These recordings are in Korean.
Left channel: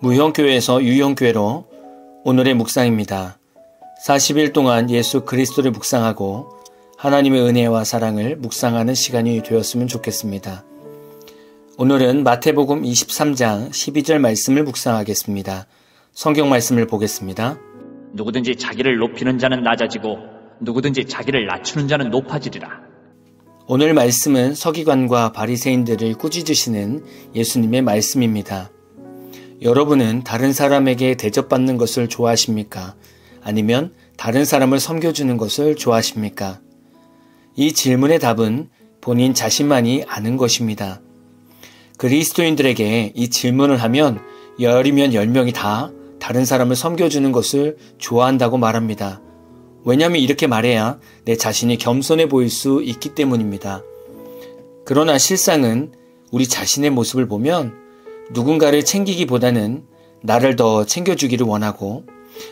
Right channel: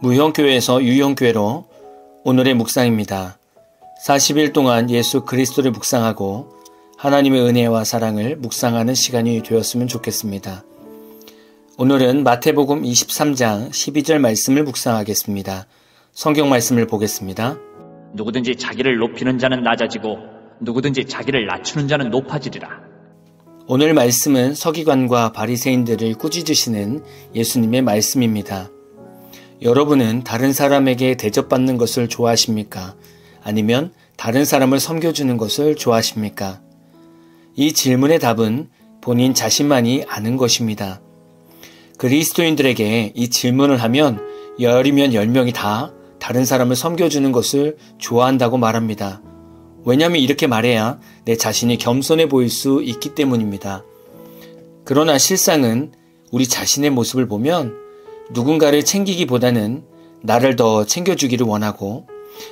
무형교회에서 유형교회로 오늘의 묵상입니다. 40일 동안 예수 그리스도를 묵상하고 하나님의 은혜와 사랑을 묵상하는 시간이 되었으면 좋겠습니다. 오늘은 마태복음 23장 12절 말씀을 묵상하겠습니다. 성경 말씀을 보겠습니다. 누구든지 자기를 높이는 자는 낮아지고 누구든지 자기를 낮추는 자는 높아지리라. 오늘 말씀은 서기관과 바리새인들을 꾸짖으시는 예수님의 말씀입니다. 여러분은 다른 사람에게 대접받는 것을 좋아하십니까? 아니면 다른 사람을 섬겨주는 것을 좋아하십니까? 이 질문의 답은 본인 자신만이 아는 것입니다. 그리스도인들에게 이 질문을 하면 10이면 10명이 다 다른 사람을 섬겨주는 것을 좋아한다고 말합니다. 왜냐하면 이렇게 말해야 내 자신이 겸손해 보일 수 있기 때문입니다. 그러나 실상은 우리 자신의 모습을 보면 누군가를 챙기기보다는 나를 더 챙겨주기를 원하고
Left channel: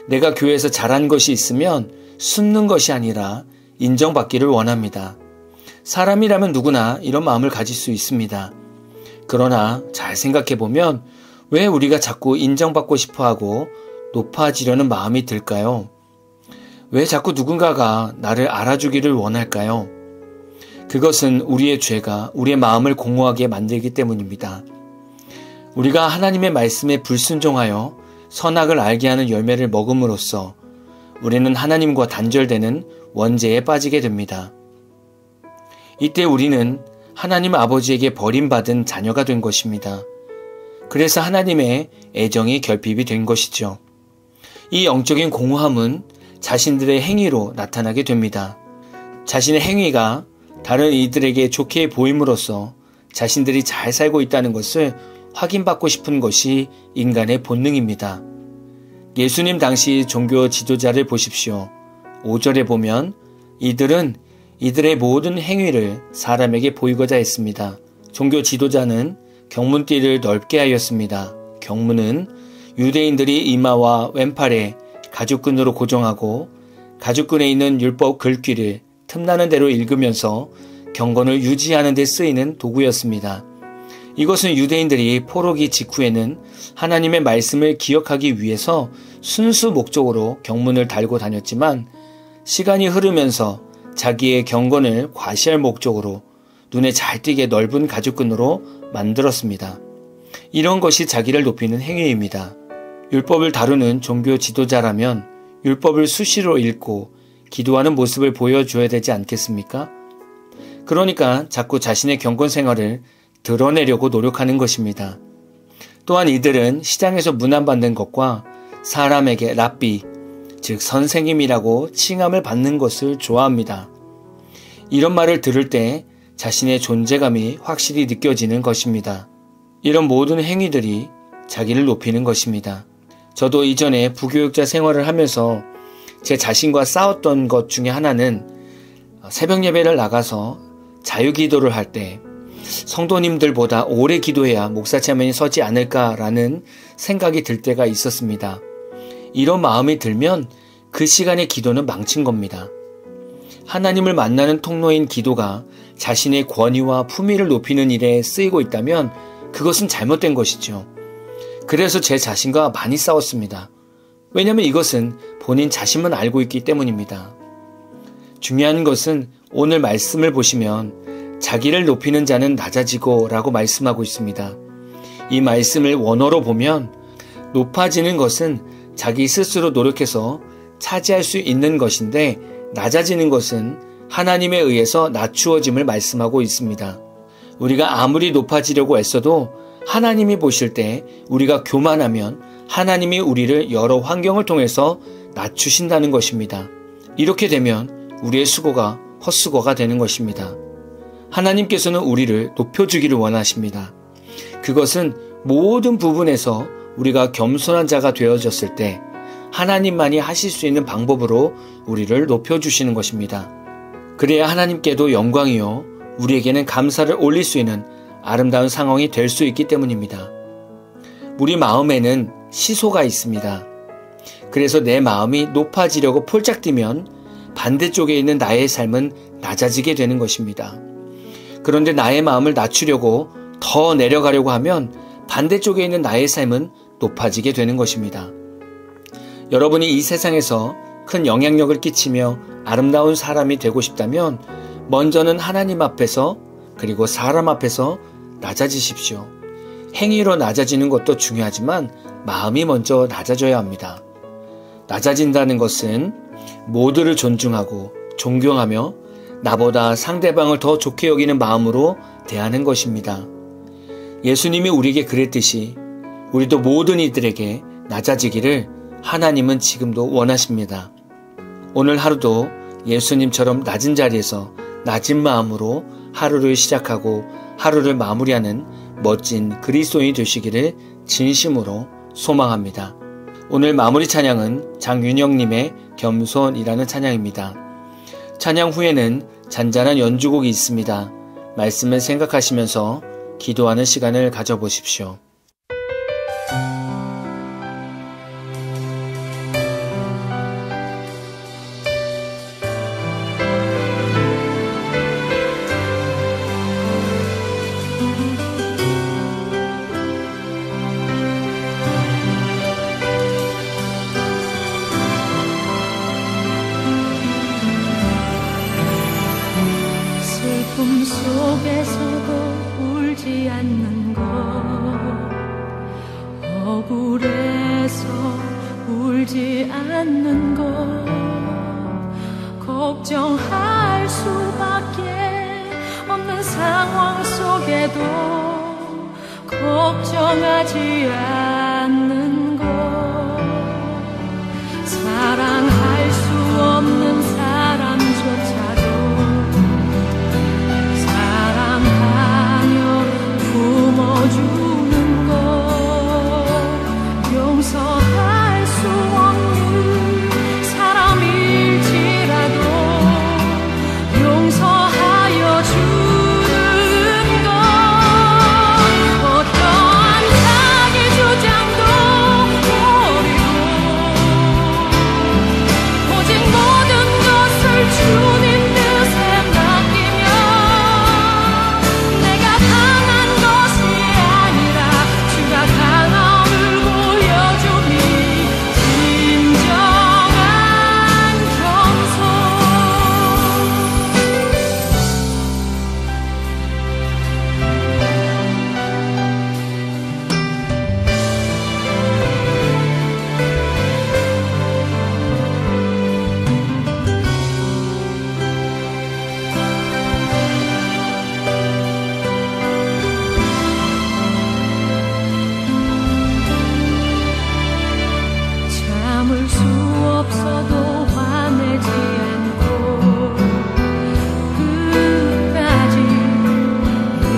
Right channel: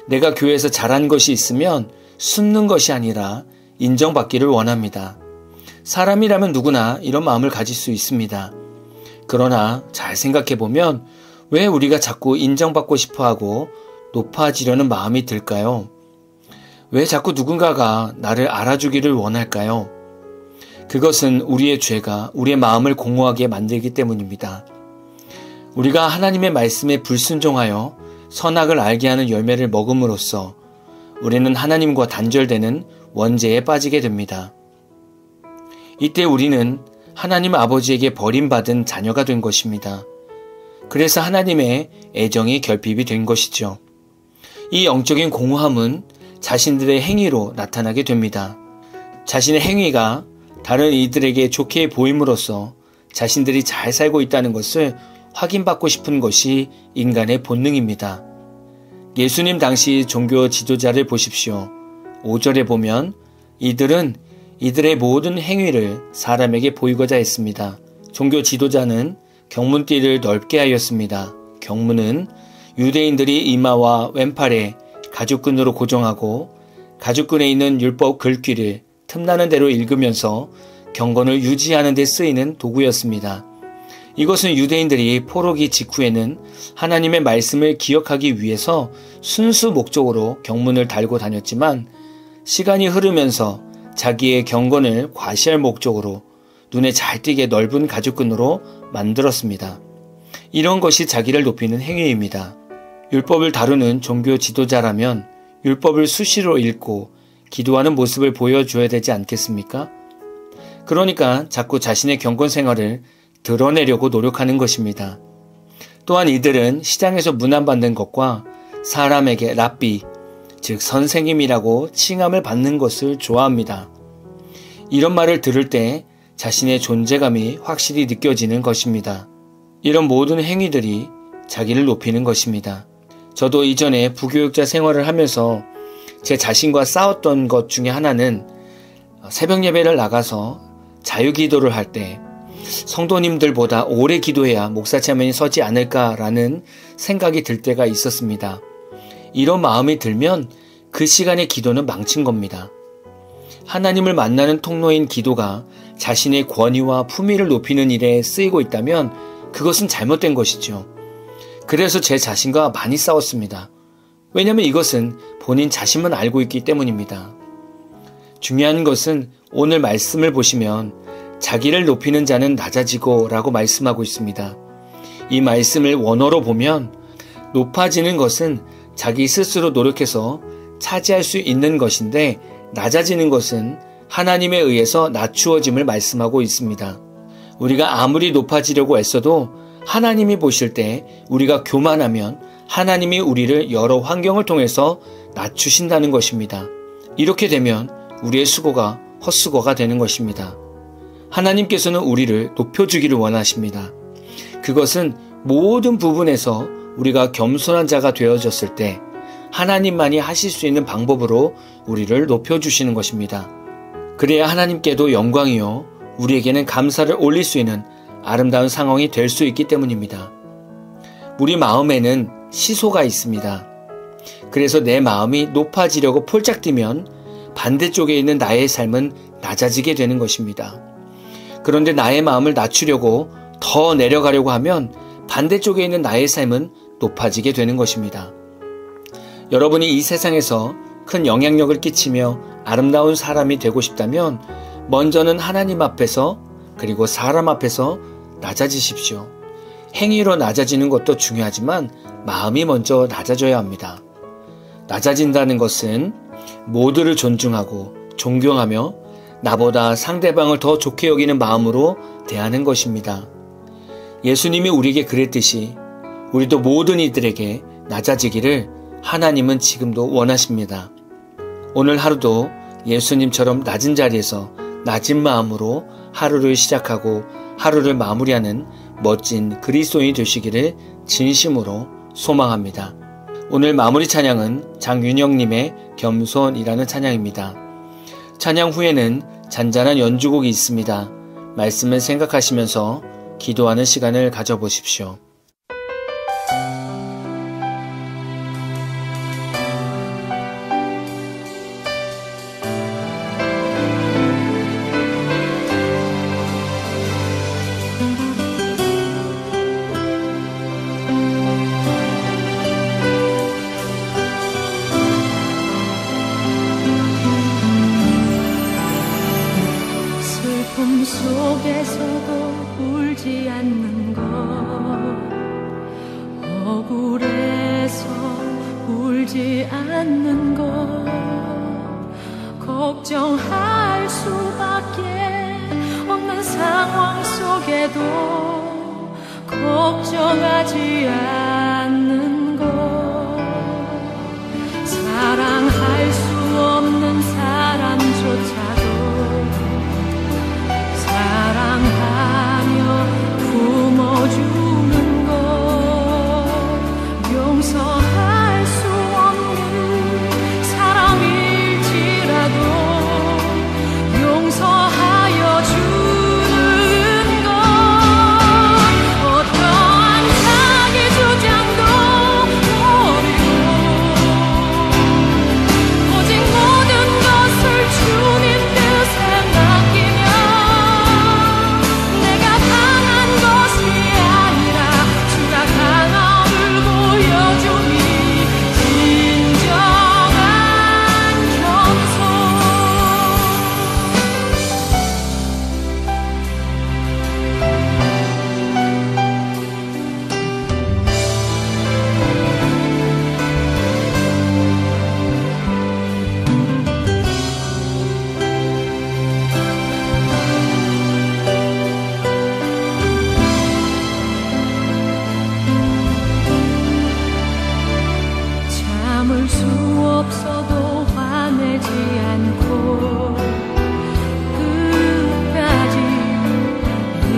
내가 교회에서 잘한 것이 있으면 숨는 것이 아니라 인정받기를 원합니다. 사람이라면 누구나 이런 마음을 가질 수 있습니다. 그러나 잘 생각해보면 왜 우리가 자꾸 인정받고 싶어하고 높아지려는 마음이 들까요? 왜 자꾸 누군가가 나를 알아주기를 원할까요? 그것은 우리의 죄가 우리의 마음을 공허하게 만들기 때문입니다. 우리가 하나님의 말씀에 불순종하여 선악을 알게 하는 열매를 먹음으로써 우리는 하나님과 단절되는 원죄에 빠지게 됩니다. 이때 우리는 하나님 아버지에게 버림받은 자녀가 된 것입니다. 그래서 하나님의 애정이 결핍이 된 것이죠. 이 영적인 공허함은 자신들의 행위로 나타나게 됩니다. 자신의 행위가 다른 이들에게 좋게 보임으로써 자신들이 잘 살고 있다는 것을 확인받고 싶은 것이 인간의 본능입니다. 예수님 당시 종교 지도자를 보십시오. 5절에 보면 이들은 이들의 모든 행위를 사람에게 보이고자 했습니다. 종교 지도자는 경문띠를 넓게 하였습니다. 경문은 유대인들이 이마와 왼팔에 가죽끈으로 고정하고 가죽끈에 있는 율법 글귀를 틈나는 대로 읽으면서 경건을 유지하는 데 쓰이는 도구였습니다. 이것은 유대인들이 포로기 직후에는 하나님의 말씀을 기억하기 위해서 순수 목적으로 경문을 달고 다녔지만 시간이 흐르면서 자기의 경건을 과시할 목적으로 눈에 잘 띄게 넓은 가죽끈으로 만들었습니다. 이런 것이 자기를 높이는 행위입니다. 율법을 다루는 종교 지도자라면 율법을 수시로 읽고 기도하는 모습을 보여줘야 되지 않겠습니까? 그러니까 자꾸 자신의 경건 생활을 드러내려고 노력하는 것입니다. 또한 이들은 시장에서 문안받는 것과 사람에게 랍비, 즉 선생님이라고 칭함을 받는 것을 좋아합니다. 이런 말을 들을 때 자신의 존재감이 확실히 느껴지는 것입니다. 이런 모든 행위들이 자기를 높이는 것입니다. 저도 이전에 부교육자 생활을 하면서 제 자신과 싸웠던 것 중에 하나는 새벽 예배를 나가서 자유기도를 할 때 성도님들보다 오래 기도해야 목사 체면이 서지 않을까라는 생각이 들 때가 있었습니다. 이런 마음이 들면 그 시간의 기도는 망친 겁니다. 하나님을 만나는 통로인 기도가 자신의 권위와 품위를 높이는 일에 쓰이고 있다면 그것은 잘못된 것이죠. 그래서 제 자신과 많이 싸웠습니다. 왜냐하면 이것은 본인 자신만 알고 있기 때문입니다. 중요한 것은 오늘 말씀을 보시면 자기를 높이는 자는 낮아지고 라고 말씀하고 있습니다. 이 말씀을 원어로 보면 높아지는 것은 자기 스스로 노력해서 차지할 수 있는 것인데 낮아지는 것은 하나님에 의해서 낮추어짐을 말씀하고 있습니다. 우리가 아무리 높아지려고 애써도 하나님이 보실 때 우리가 교만하면 하나님이 우리를 여러 환경을 통해서 낮추신다는 것입니다. 이렇게 되면 우리의 수고가 헛수고가 되는 것입니다. 하나님께서는 우리를 높여주기를 원하십니다. 그것은 모든 부분에서 우리가 겸손한 자가 되어졌을 때 하나님만이 하실 수 있는 방법으로 우리를 높여주시는 것입니다. 그래야 하나님께도 영광이요 우리에게는 감사를 올릴 수 있는 아름다운 상황이 될 수 있기 때문입니다. 우리 마음에는 시소가 있습니다. 그래서 내 마음이 높아지려고 폴짝 뛰면 반대쪽에 있는 나의 삶은 낮아지게 되는 것입니다. 그런데 나의 마음을 낮추려고 더 내려가려고 하면 반대쪽에 있는 나의 삶은 높아지게 되는 것입니다. 여러분이 이 세상에서 큰 영향력을 끼치며 아름다운 사람이 되고 싶다면 먼저는 하나님 앞에서 그리고 사람 앞에서 낮아지십시오. 행위로 낮아지는 것도 중요하지만 마음이 먼저 낮아져야 합니다. 낮아진다는 것은 모두를 존중하고 존경하며 나보다 상대방을 더 좋게 여기는 마음으로 대하는 것입니다. 예수님이 우리에게 그랬듯이 우리도 모든 이들에게 낮아지기를 하나님은 지금도 원하십니다. 오늘 하루도 예수님처럼 낮은 자리에서 낮은 마음으로 하루를 시작하고 하루를 마무리하는 멋진 그리스도인이 되시기를 진심으로 소망합니다. 오늘 마무리 찬양은 장윤영님의 겸손이라는 찬양입니다. 찬양 후에는 잔잔한 연주곡이 있습니다. 말씀을 생각하시면서 기도하는 시간을 가져보십시오. 슬픔 속에서도 울지 않는 것, 억울해서 울지 않는 것, 걱정할 수밖에 없는 상황 속에도 걱정하지 않는 것, 사랑할 수 없는 사람조차도 사랑하며 품어주는 것, 용서할 수 없는 사람일지라도 용서하여 주는 것, 어떠한 자기 주장도 버리고 오직 모든 것을 주님 뜻에 맡기며 강함을 보여줌이 진정한 겸손. 참을 수 없어도 화내지 않고 끝까지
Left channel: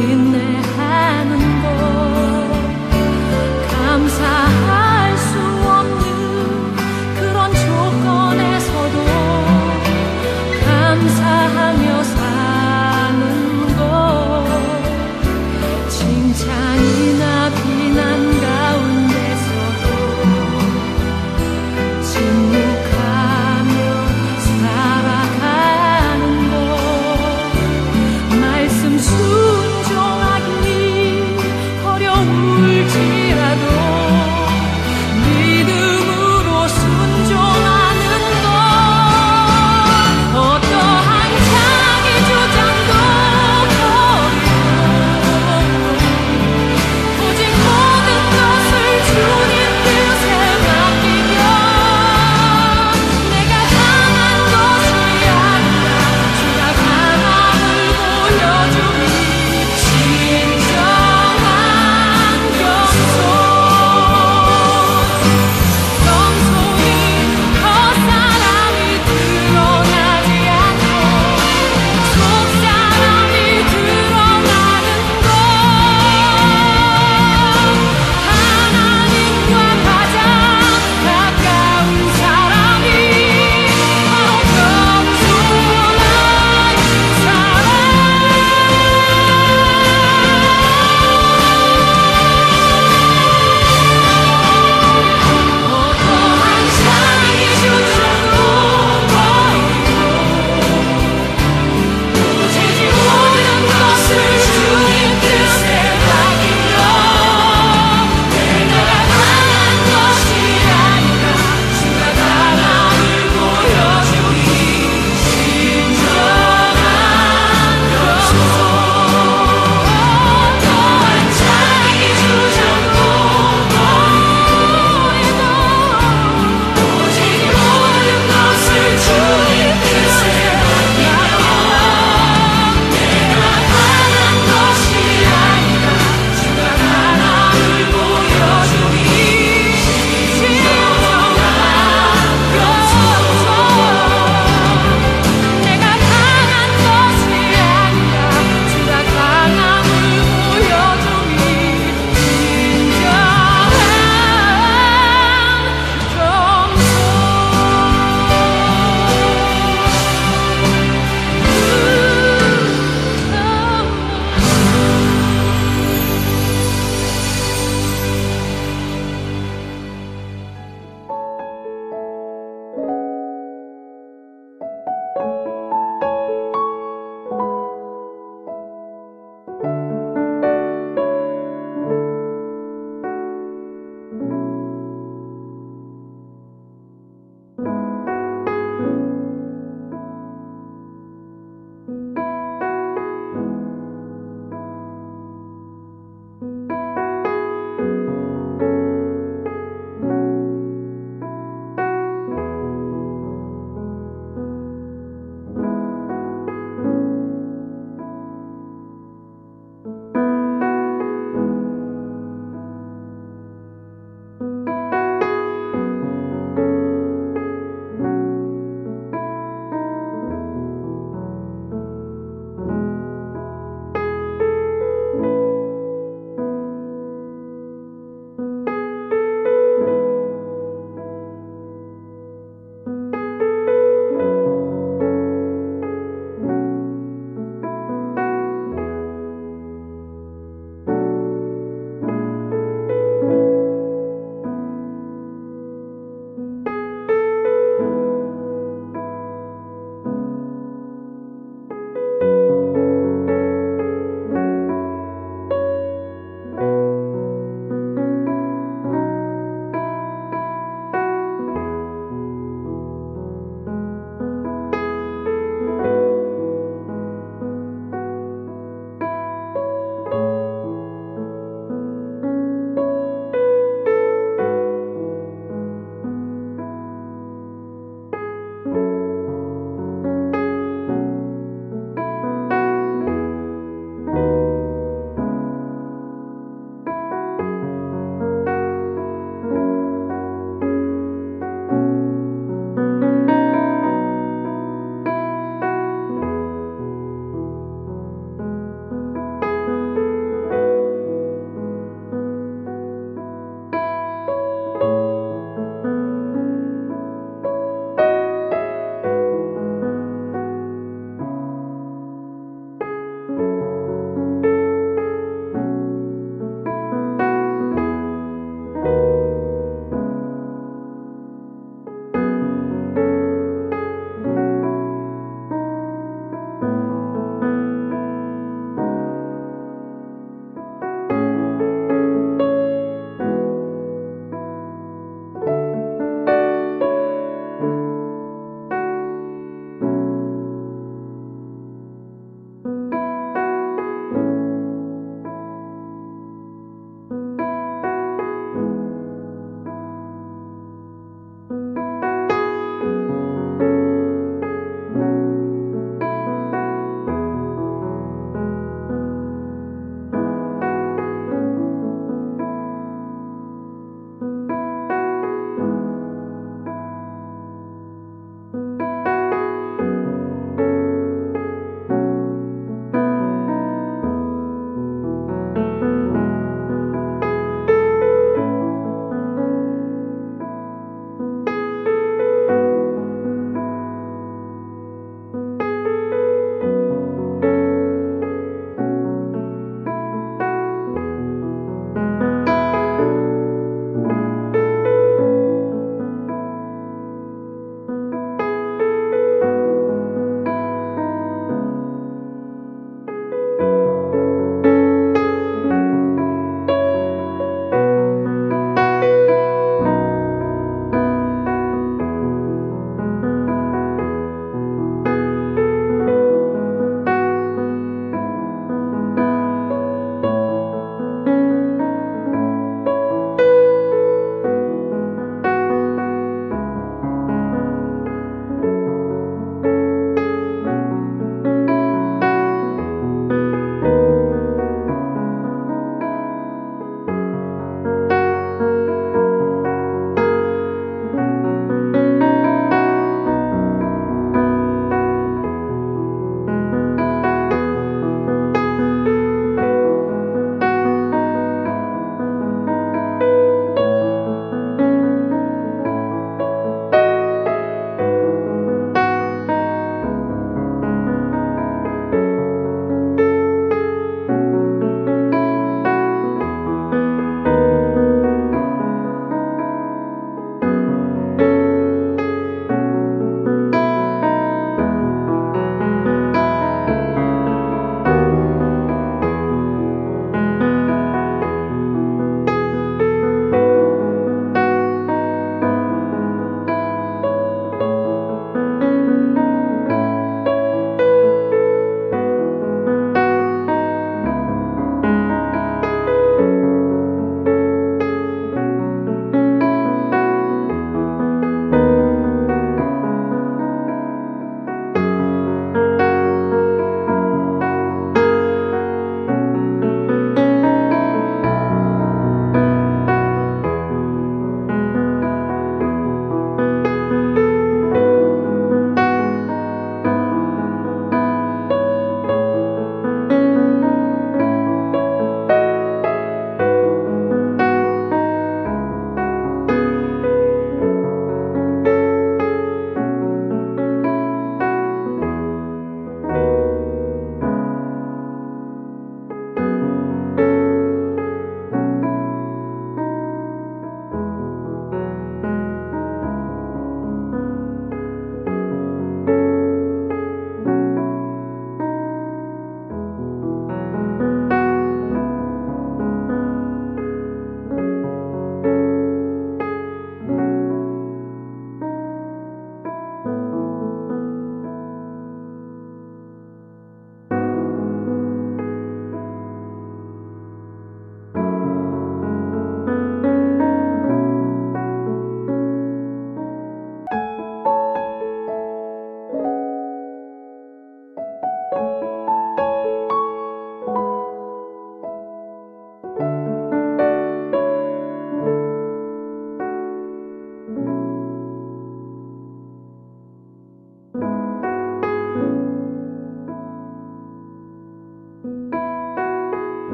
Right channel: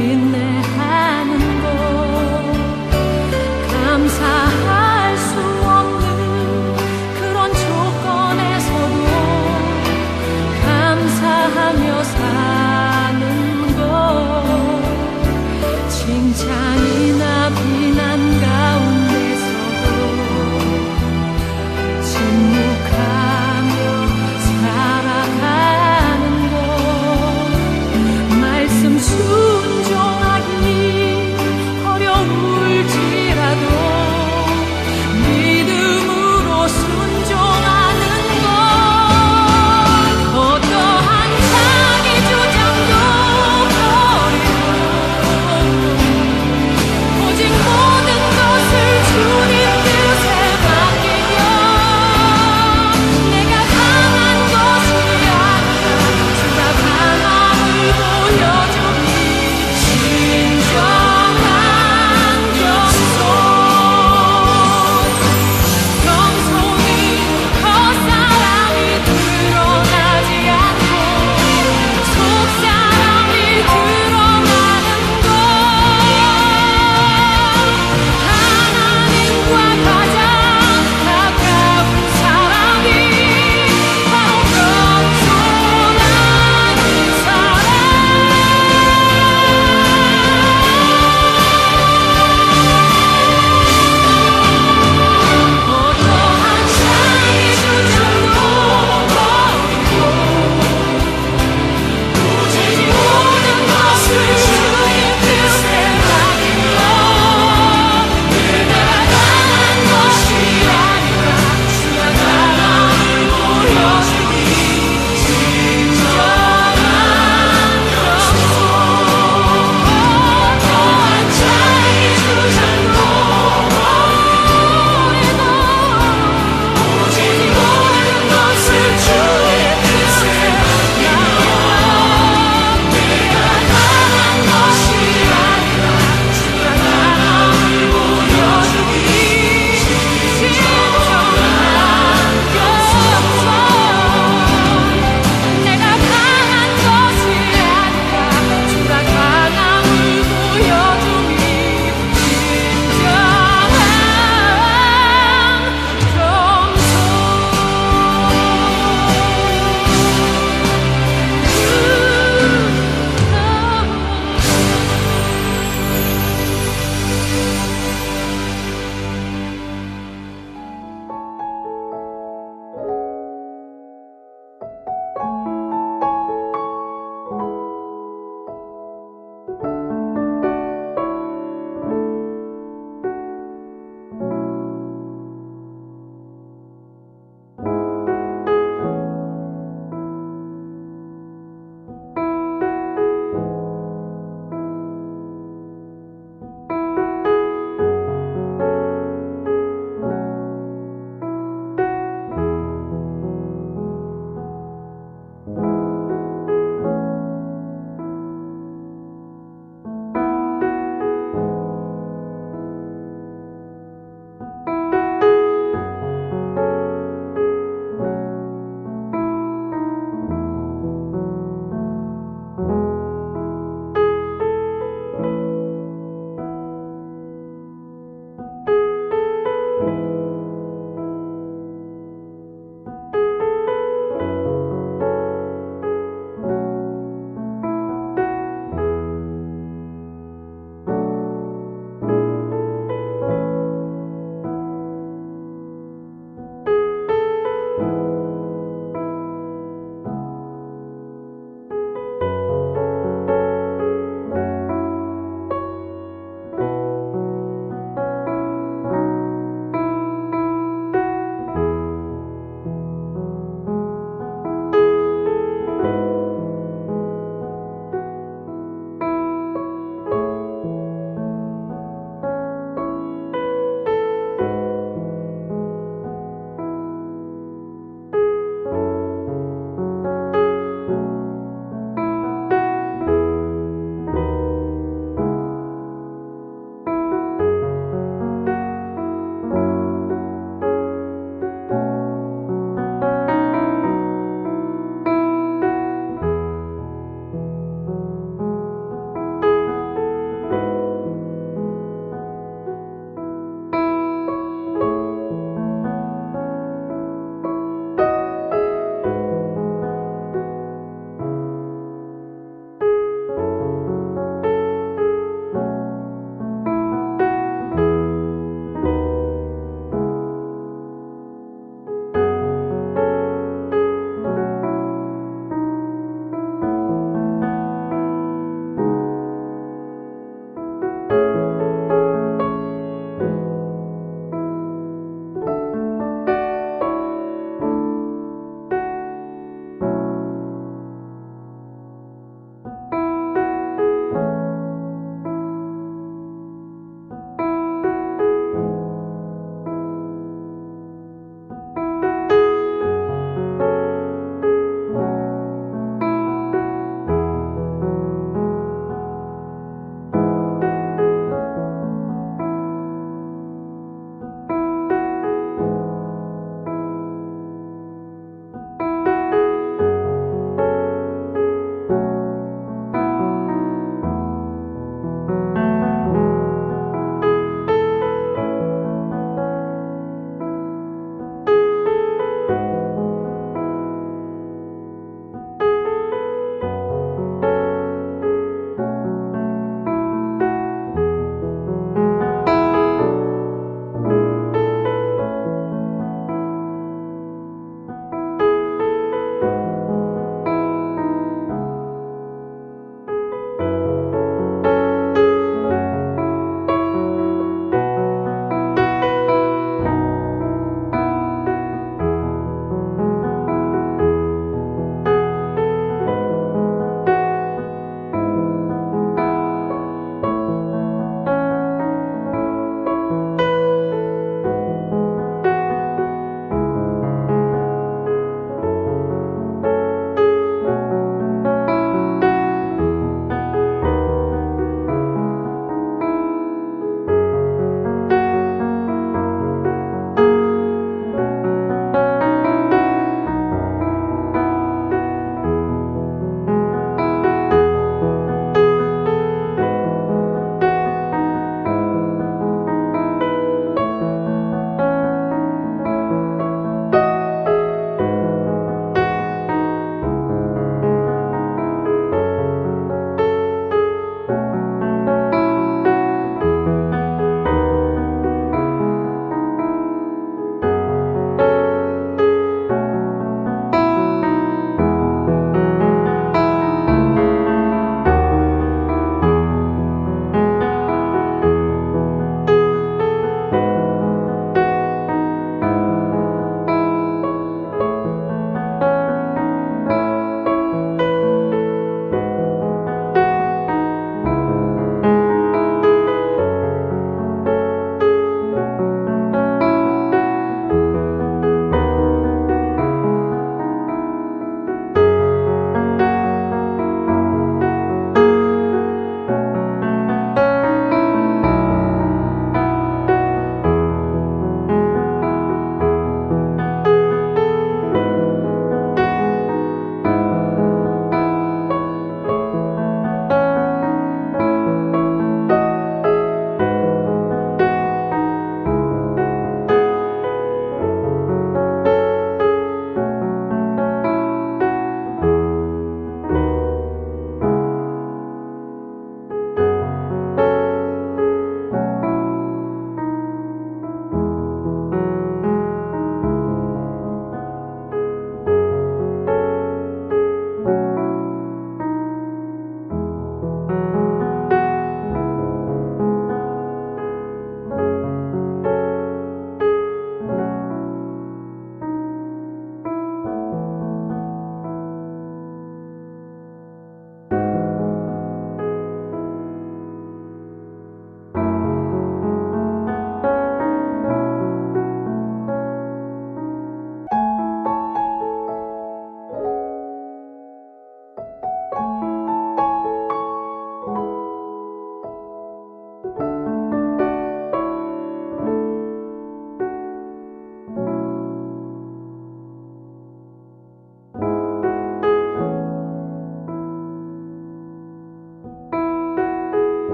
인내하는 것, 감사할 수 없는 그런 조건에서도 감사하며 사는 것, 칭찬이나 비난 가운데서도 침묵하며 살아가는 것, 말씀 수